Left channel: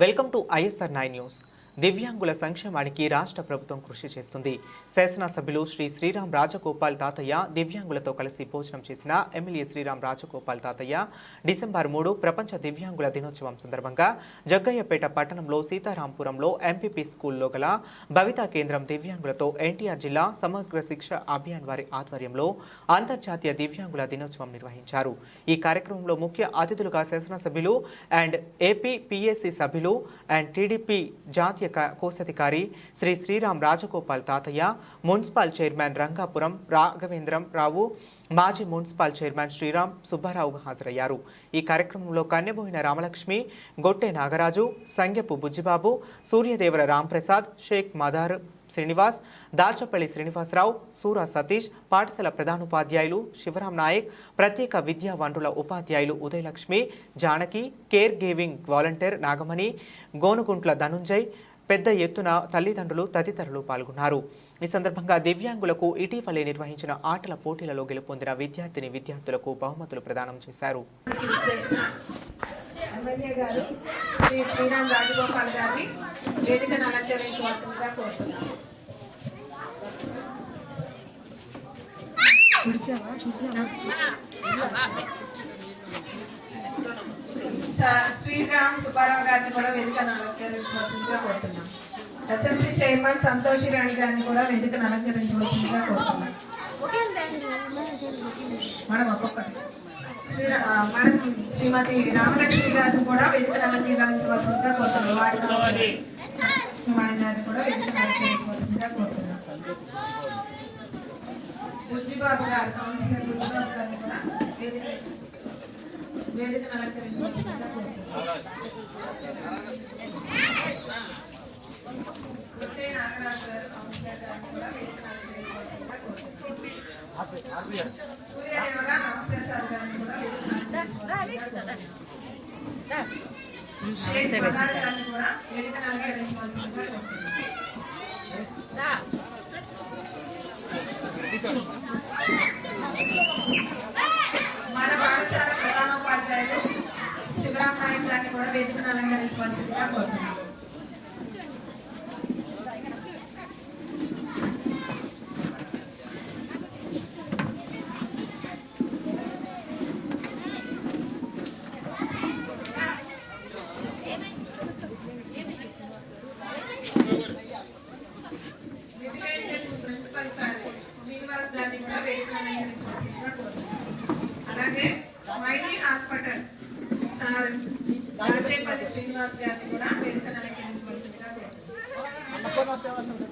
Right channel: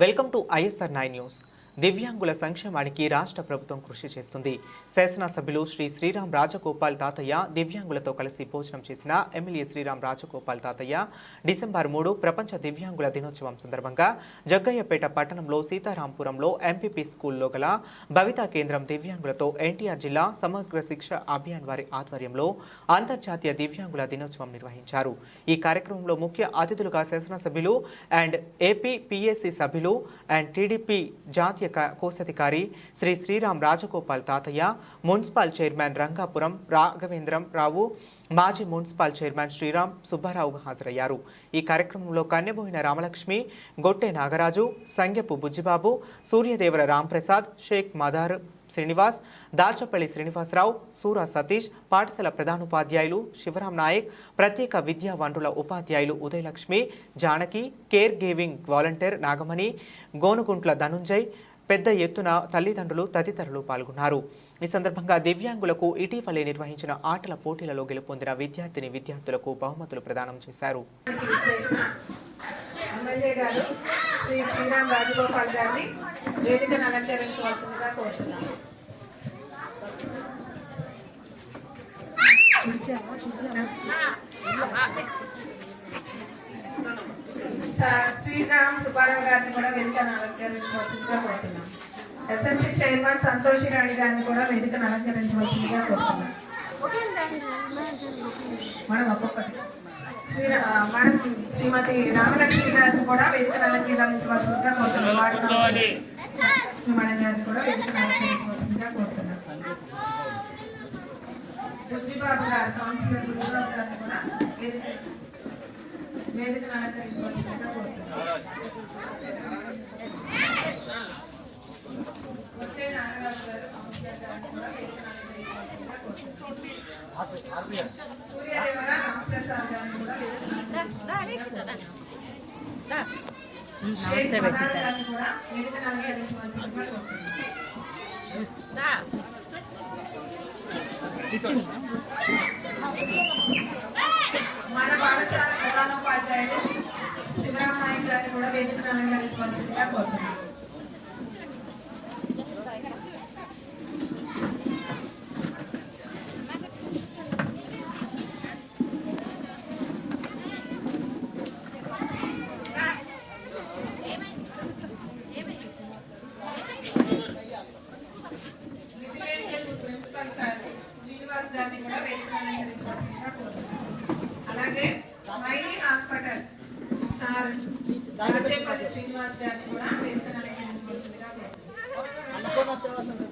Welcome to ISR 9 News. దివ్యాంగుల సంక్షేమానికి రాష్ట్ర ప్రభుత్వం కృషి చేస్తుంది. శాసనసభ్యులు శ్రీ శ్రీరామ్ రాజగోపాల్ తాతయ్య దివ్యాంగులతో కలిసి భోజనం చేసిన ఎమ్మెల్యే శ్రీరామ్ రాజగోపాల్ తాతయ్య డిసెంబర్ మూడు ప్రపంచ దివ్యాంగుల దినోత్సవం సందర్భంగా జగ్గయ్యపేట పట్టణంలో సీతారాంపురంలో ఎంపీపీ స్కూల్లో గల భవితా కేంద్రం దివ్యాంగులతో ఎన్టీఆర్ జిల్లా సమగ్ర శిక్ష అభియాన్ వారి ఆధ్వర్యంలో అంతర్జాతీయ దివ్యాంగుల దినోత్సవం నిర్వహించారు. ఈ కార్యక్రమంలో ముఖ్య అతిథులుగా శాసనసభ్యులు అండ్ ఏపీ పిఎస్సి సభ్యులు అండ్ టీడీపీ జాతీయ కోశాధికారి శ్రీ శ్రీరామ్ రాజగోపాల్ తాతయ్య మున్సిపల్ చైర్మన్ రంగాపురం రాఘవేంద్రం రావు మాజీ మున్సిపల్ చైర్మన్ శ్రీరామ్ సుబ్బారావు హాజరయ్యారు. ఈ కార్యక్రమంలో కన్నెబోయిన రామలక్ష్మి గొట్టె నాగరాజు సంగెపు బుజ్జిబాబు సూర్యదేవర రాంప్రసాద్ షేక్ మదార్ శ్రీనివాస్ దాచపల్లి శ్రీనివాసరావు సూరా సతీష్ పాఠశాల ప్రధానోపాధ్యాయులు శివరాం నాయక్ ప్రత్యేక విద్యా వనరుల ఉపాధ్యాయులు Udayalakshmi Janaki care giving volunteer Nagamani Gonuguntla Dhananjay పెద్ద ఎత్తున తల్లిదండ్రులు తదితరులు పాల్గొన్నారు. ఈ సందర్భంగా దివ్యాంగులకు ఇటీవలే నిర్వహించిన ఆటల పోటీలలో గెలుపొందిన విద్యార్థిని విద్యార్థులకు బహుమతులు ప్రదానం చేశారు. ఎమ్మెల్యే గారు శ్రీ శ్రీరామ్ రాజగోపాల్ గారిని వేదికను అలంకరించవలసిందిగా కోరుతున్నాను. శ్రీరామ్ సుబ్బారావు గారిని కూడా వేదికను అలంకరించవలసిందిగా కోరుతున్నాం. ఎస్ఎంసీ చైర్మన్ సంతోష్ రాణి గారిని కూడా వేదికను అలంకరించవలసిందిగా కోరుతున్నాం. మేడం ఒక్కొక్కటి. శ్రీ ఆ, మేడం శ్రీమతి రామలక్ష్మి గారిని కూడా వేదికను అలంకరించవలసిందిగా కోరుతున్నాం. వారి మేడం గారిని కూడా వేదికను అలంకరించవలసిందిగా కోరుతున్నాం. రుచిబాబు గారు కౌన్సిలర్ రుచిబాబు గారిని కూడా వేదిక వేదికను అలంకరించవలసిందిగా కోరుతున్నాం సూర్యదేవర రామప్రసాద్ గారిని కూడా నమస్తే. కూడా వేదికను అలంకరించవలసిందిగా కోరుతున్నాం మన పాఠశాల ప్రధానోపాధ్యాయులు శివరాం నాయక్ గారిని కూడా వేదికను అలంకరించవలసిందిగా కోరుతున్నాను విజిలెన్స్ ప్రిన్సిపల్ సార్ శ్రీనివాస్ గారిని కూడా వేదికను అలంకరించవలసిందిగా కోరుతున్నాం అలాగే మైలీ హాస్పిటల్ సార్ రాజేపల్లి శ్రీనివాస్ గారిని కూడా వేదికను అలంకరించవలసిందిగా కోరుతున్నాం